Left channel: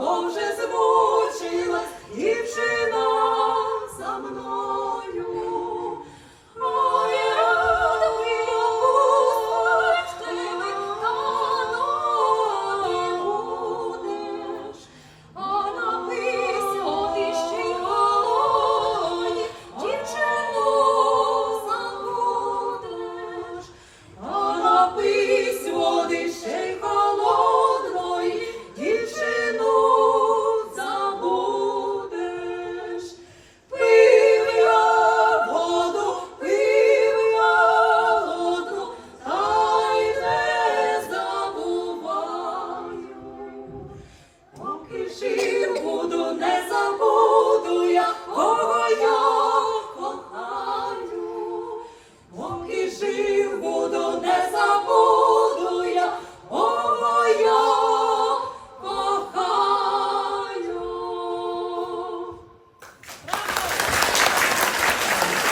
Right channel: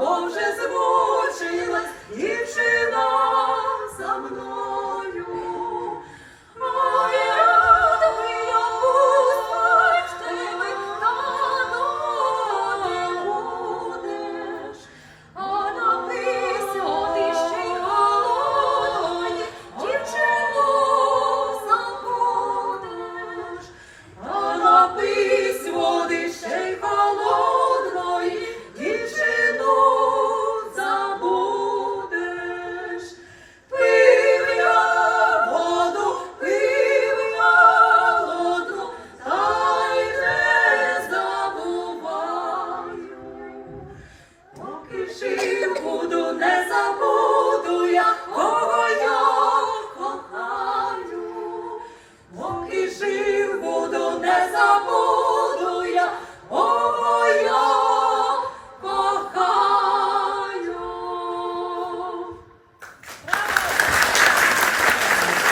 Боже, збуде. І жив буду, не забуду я.